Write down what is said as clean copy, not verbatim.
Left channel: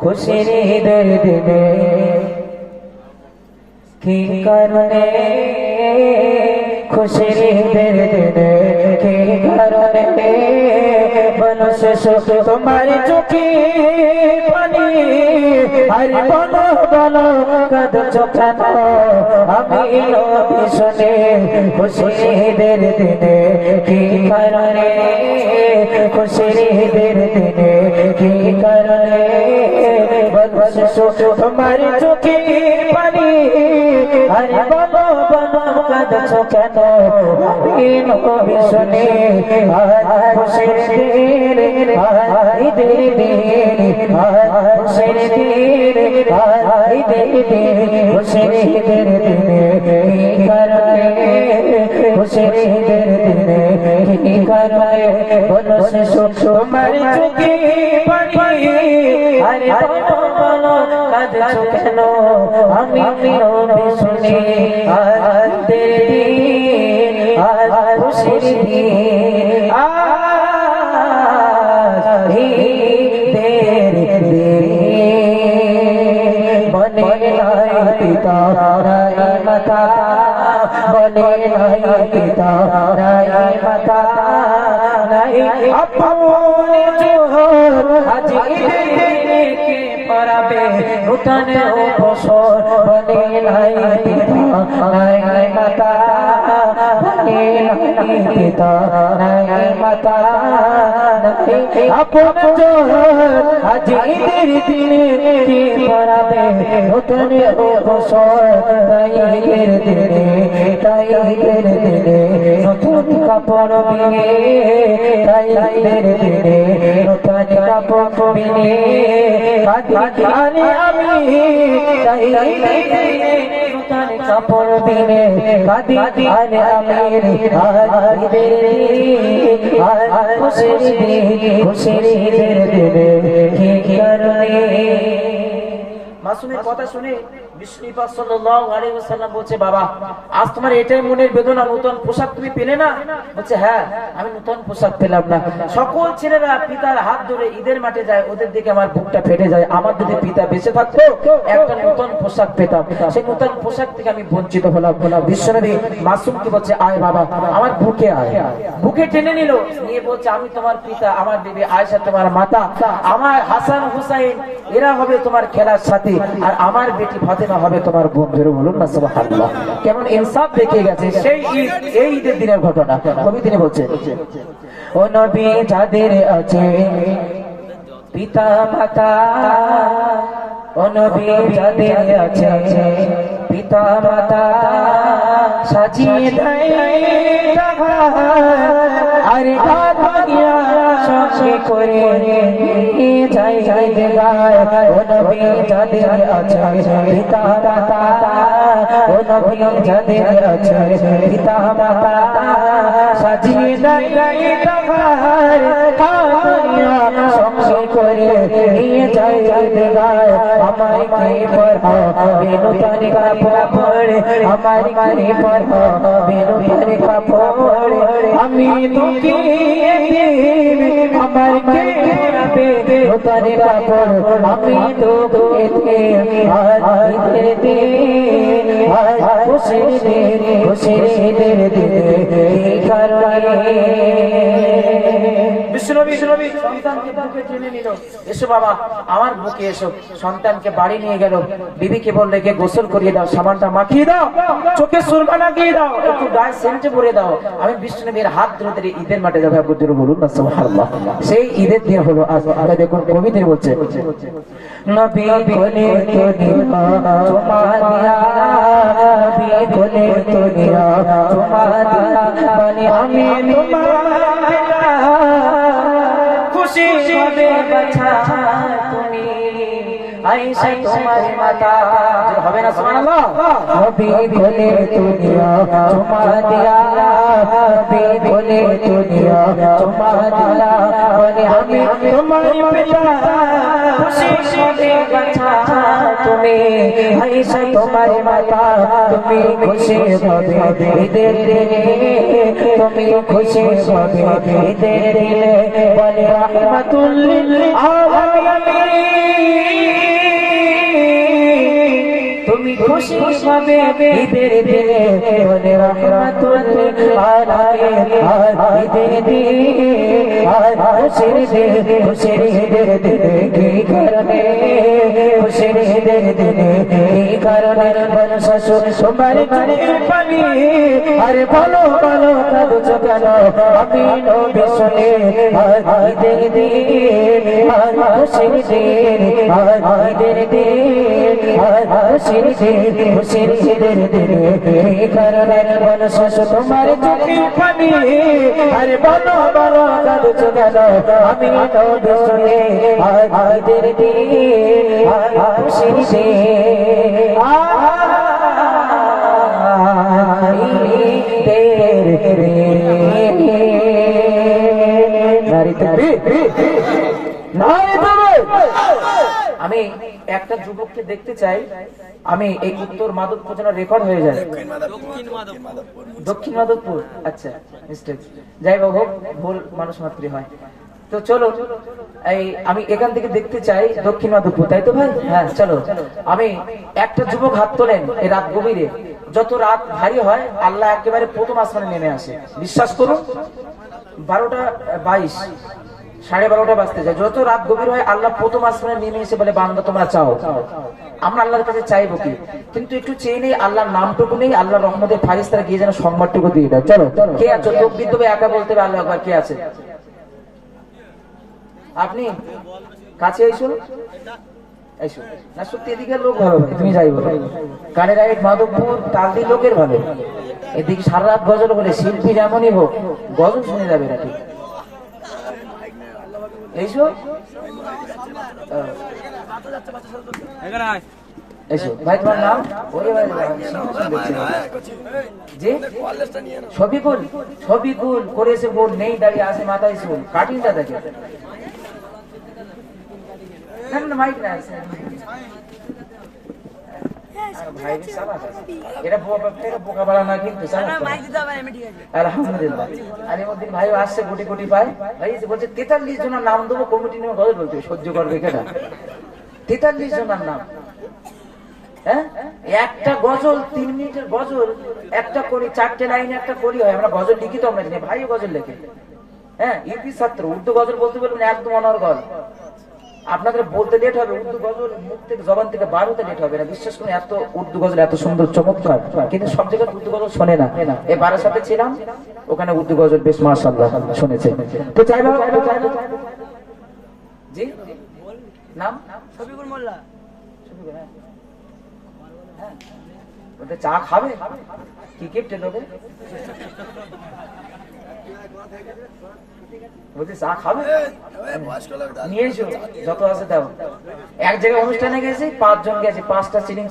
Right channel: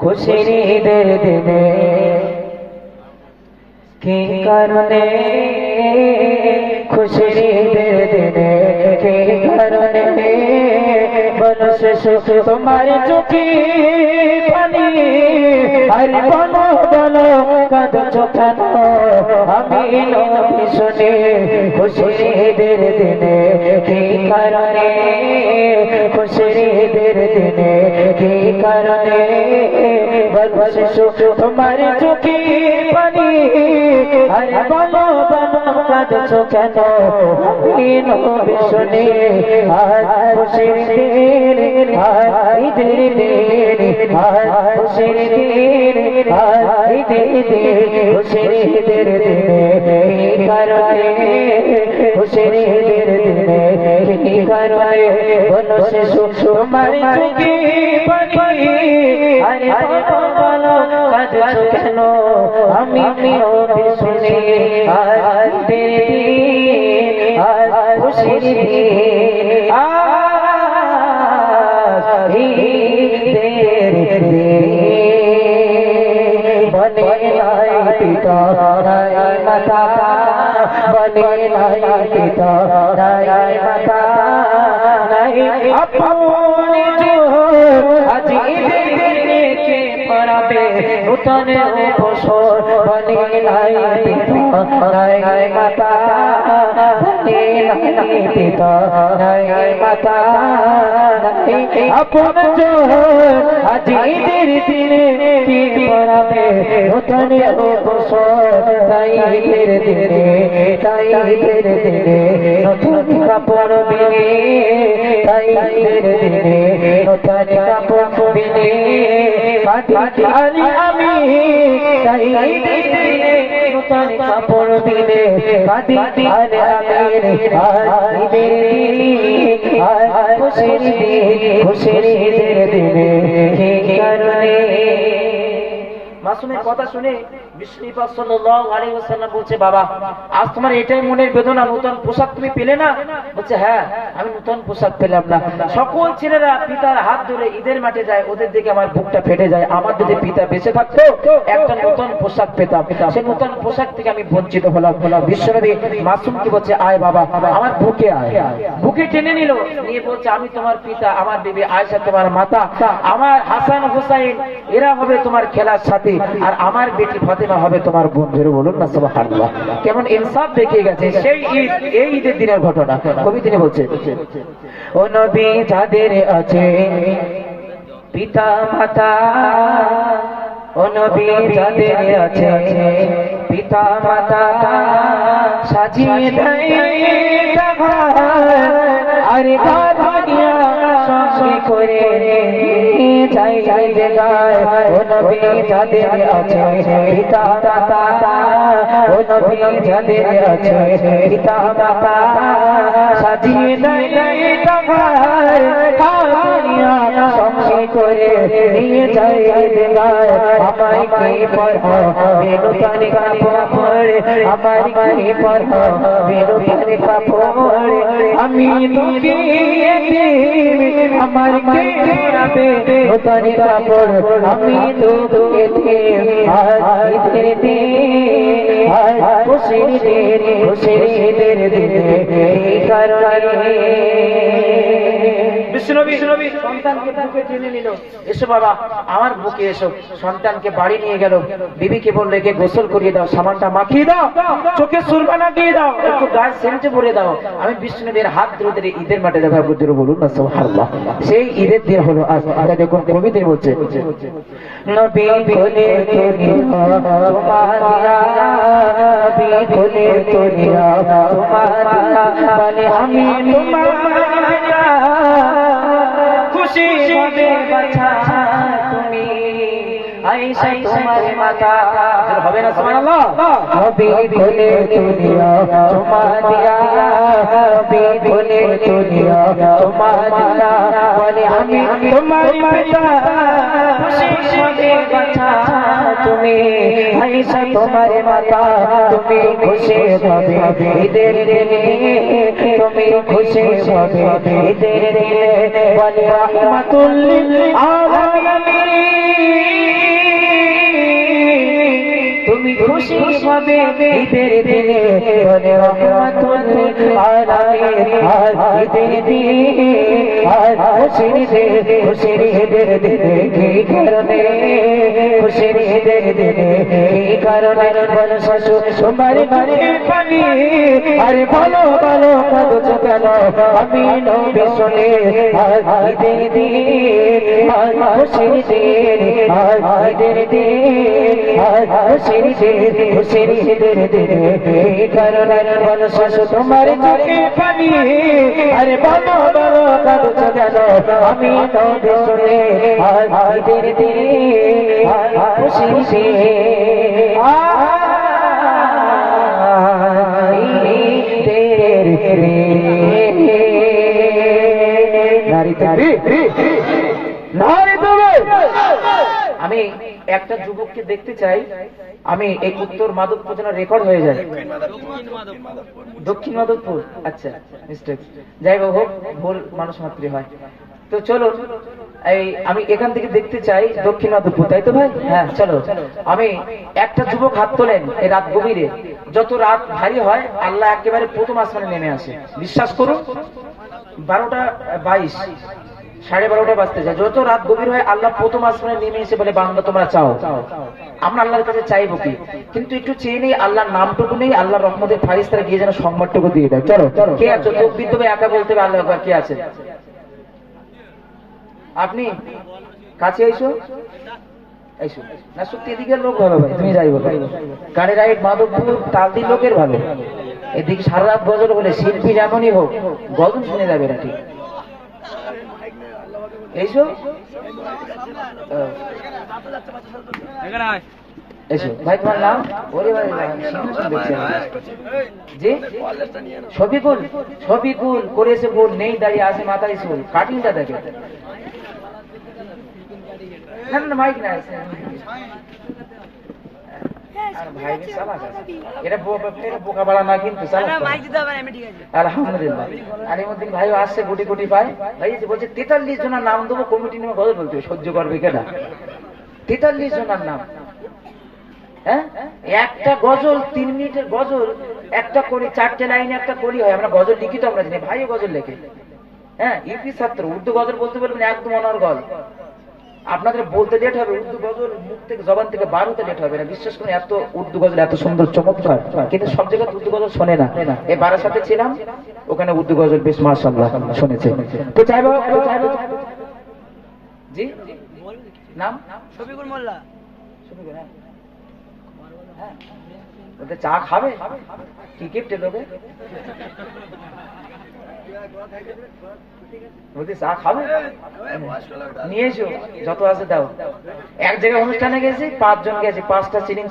খুশির ঈদের দিনে কি কারণে, খুশির ঈদের দিনে কি কারণে বলো শেষ তোমার চোখে পানি, আর বলো বলো কাঁদছো কেন, আমি নবী শুনে খুশির ঈদের দিনে কি কারণে, খুশির ঈদের দিনে কি কারণে বলো শেষ তোমার চোখে পানি, আর বলো বলো কাঁদছো কেন, আমি নবী শুনে খুশির দিন ঈদের দিন খুশির দিন ঈদের দিন খুশির ঈদের দিনে কি কারণে, খুশির ঈদের দিনে কি কারণে বলো শেষ তোমার চোখে পানি, আর বলো বলো কাঁদছো কেন, আমি নবী শুনে ঈদের দিন খুশির দিন ঈদের দিন বনে লাই পিতা রাই মাতা, বনে লাই পিতা রাই মাতা নাই আপনি जो আজ ঈদের দিনে কে পড়াবে নূতন বছর, বনে লাই পিতা রাই মাতা, বনে লাই পিতা রাই মাতা আপন जो আজ ঈদের দিনে কে পড়াবে নূতন বছর, তাই ঈদের দিনে তাই ঈদের দিনে নতুন কাপড় বিনে, তাই ঈদের দিনে নতুন কাপড় বিনে কাঁদি আমি, তাই ঈদের দিনে নতুন কাপড় বিনে কাঁদি আমি ঈদের খুশির দিন খুশির ঈদের দিনে কি কারণে। মাসুমের কথা শুনে বিষ্ণু পাক সাল্লাল্লাহু আলাইহি ওয়াসাল্লাম বলছে, বাবা আজ তোমার এটাই মনের বেদনা, নতুন পোশাক তুমি পেলে না? বলছে হ্যাঁ, আমি নতুন পোশাক পেলাম না। সকল ছেলেরা পিতার হাত ধরে ঈদের মাঠে যায়, ওদের দিকে আমার বুকটা ফেটে যায়। আমার যদি পিতা বেঁচে থাকতো একটা নতুন পোশাক পেতাম, সেই নতুন পোশাক থেকে আমি বঞ্চিত হলাম। বিশ্বনবী মাসুমকে বলছে আয় বাবা আমার বুকে আয়, বুকে টেনে নিল, নিয়ে বলছে আমি তোমার পিতা, আমার বিবি আয়েশা তোমার মাতা, আমার হাসান হুসাইন এরা হবে তোমার খেলার সাথী, আর আমার বেটি ফাতেমা হবে তোমার বন্ধু। বলুন না সুবহানাল্লাহ, কেমন ইনসাফ দেখিয়ে গেছে সেই ঈদ, এই ঈদের দিনের ঘটনা। কবি তিনি বলছে ও নবী যাদের আছে পিতা মাতা, ও নবী যাদের আছে পিতা মাতা সাজিয়ে দেয় আরে দুনিয়া সঙ্গে করে যাই গায়, ও নবী যাদের আছে পিতা মাতা, ও নবী যাদের আছে পিতা মাতা সাজিয়ে দেয় দুনিয়া সঙ্গে করে নিয়ে যাই গায়, আমায় কি পড়াবে নতুন কাপড়, আমায় কি পড়াবে নতুন কাপড়, আমি তোকে আমার কি পড়াবে নতুন কাপড়, আমি তোকে ঈদের দিন খুশির দিন খুশির ঈদের দিনে কি কারণে। বিশ্বনবী সন্তানকে বুকে টেনে নিল, এসো বাবা আমার বুকে এসো। সন্তানকে বাড়ি নিয়ে গেল, বিবিকে বললে কে গোসল করিয়ে দাও, সাবানটা মাখিয়ে দাও, চোখে সুরমা লাগিয়ে দাও, একটু গায়ে সেন্ট ভরে দাও, আমি বিশ্বনবীর হাত ধরে ধরে ঈদের মাঠে যাবো। বলুন না সুবহানাল্লাহ, সেই ঈদের দিন হলো আজ। দেখুন কবি তিনি বলছে নবী কোলে তোনিয়া তোমারিয়া, নবী কোলে তোনিয়া তোমারিয়া মানে আমি তোমার খুশি হবে বাছা তুমি আয়েশা তোমার মাতা। হবে না সুবহানাল্লাহ, নবী কোলে তোনিয়া তোমারিয়া, নবী কোলে তোনিয়া তোমারিয়া মানে আমি তোমার মাতা খুশি হবে বাছা তুমি আয়েশা তোমার মাতা তুমি খুশি হবে ঈদের দিনে তুমি খুশি হবে ঈদের দিনে বলে রাহমাতুল লিল আলামিন তুমি খুশি হবে ঈদের দিনে বলে রাহমাতুল লিল আলামিন ঈদের দিনে খুশির ঈদের দিনে কি কারণে খুশির ঈদের দিনে কি কারণে বলো শাশু তোমার ঘরে পানি আরে বলো বলো কাঁদছো কেন আমি নবী শুনে ঈদের দিনে খুশির দিনে ঈদের দিনে খুশির ঈদের দিনে কি কারণে বলো শাশু তোমার চোখে পানি আরে বলো বলো কাঁদছো কেন আমি নবী শুনে ঈদের দিনে খুশির আমি একটা যুবককে দেখতে চাই আমি এই উত্তর মাধবপুর যেন রেকর্ড হয়ে যায় দক্ষিণ মাধবপুর আচ্ছা মিস্টেক যাই হোক ভুল মানুষ মাত্রই হয় তো চলো এই আমি এখান থেকে দেখতে চাই দক্ষিণ মাধবপুর তাই তো ভাই হ্যাঁ চলো আমি একটা যুবক হাত তোলেন এই রাত গভীরে যত রাত ভারী হয় আল্লাহ একেবারে প্রথম আসমানে নেমে আসে বিশ্বাস করুন 12:22 12:30 বাজতে যায় যত রাত গভীর হয় আল্লাহ প্রথম আসমানে নেমে এসে বলে বান্দা তোমরা চাও আমরা আল্লাহর কাছে চাইবো কি কিন্তু একটু চেয়ে নেই আল্লাহর নামটুকু নেই আল্লাহর রহমতের ফারিস্তারা গিয়ে যেন সংবাদটুকু দিয়ে দেয় চলো কে আছো লোক বিদ্যবে একা বলতে হবে আল্লাহ একবার কে আছে আপনি কাছে এসো এসো না সত্যি এদিকে লোক ভালো ভাই তুমি যাই বলো কানে রাইট মাধবপুর তালদি লোকের ভালো এদিকে সারা রাত গজল বলে শিল্পী যেমনই হোক গজল শুনে যাবে না ঠিক এসো এসো ভাই তোমার নাম ওরে ভাই জি ছবিকুল ছবিকুল করেছে বোন নেই দাঁড়িয়ে আসে মাথায় চুল কাটিংটা দেখে না না মাইক না বোকা বাড়া না কিন্তু আলহামদুলিল্লাহ আলিমুদ্দিন ভাই আসছে কোটি কোটি পায় ভাই বলছে 43 জনের নাম দেবো কমিটি নিয়ে গজল বলতে সহ্য করবে কেনা 43 জনের নাম হ্যাঁ একটা গজল 3 মিনিটের গজল একটা করি 4টে লাইনে একটা করি হয় আমরা গজল লিখি তো আমরা জানি ভাই গজল লেখে হ্যাঁ ইপি ছাত্র উর্দু গজল বলতে বলবেন একদম অনর্গল আপনাদের বলতে লেট হবে উর্দু গজল মুখ থেকে জবান থেকে বার হতে লেট হবে না বিশ্বাস করুন এত উর্দু গজল এত সুন্দর চমৎকার কিন্তু সব জায়গায় উর্দু গজল শোনে না এ বারার সাথে ছিলাম ওখানে উর্দু গজল বেশ মাশাআল্লাহ শুনেছে তো চাইবো জি নাম শফিকুল মোল্লা শফিকুল হ্যাঁ ওটা চা খাবে কি গিফট লোকে বলছি চা খাবে নিয়ে এসো যত আছে দাও এক জায়গায় অনুষ্ঠানে গেছি 5 জন গেছি 5টা চিনি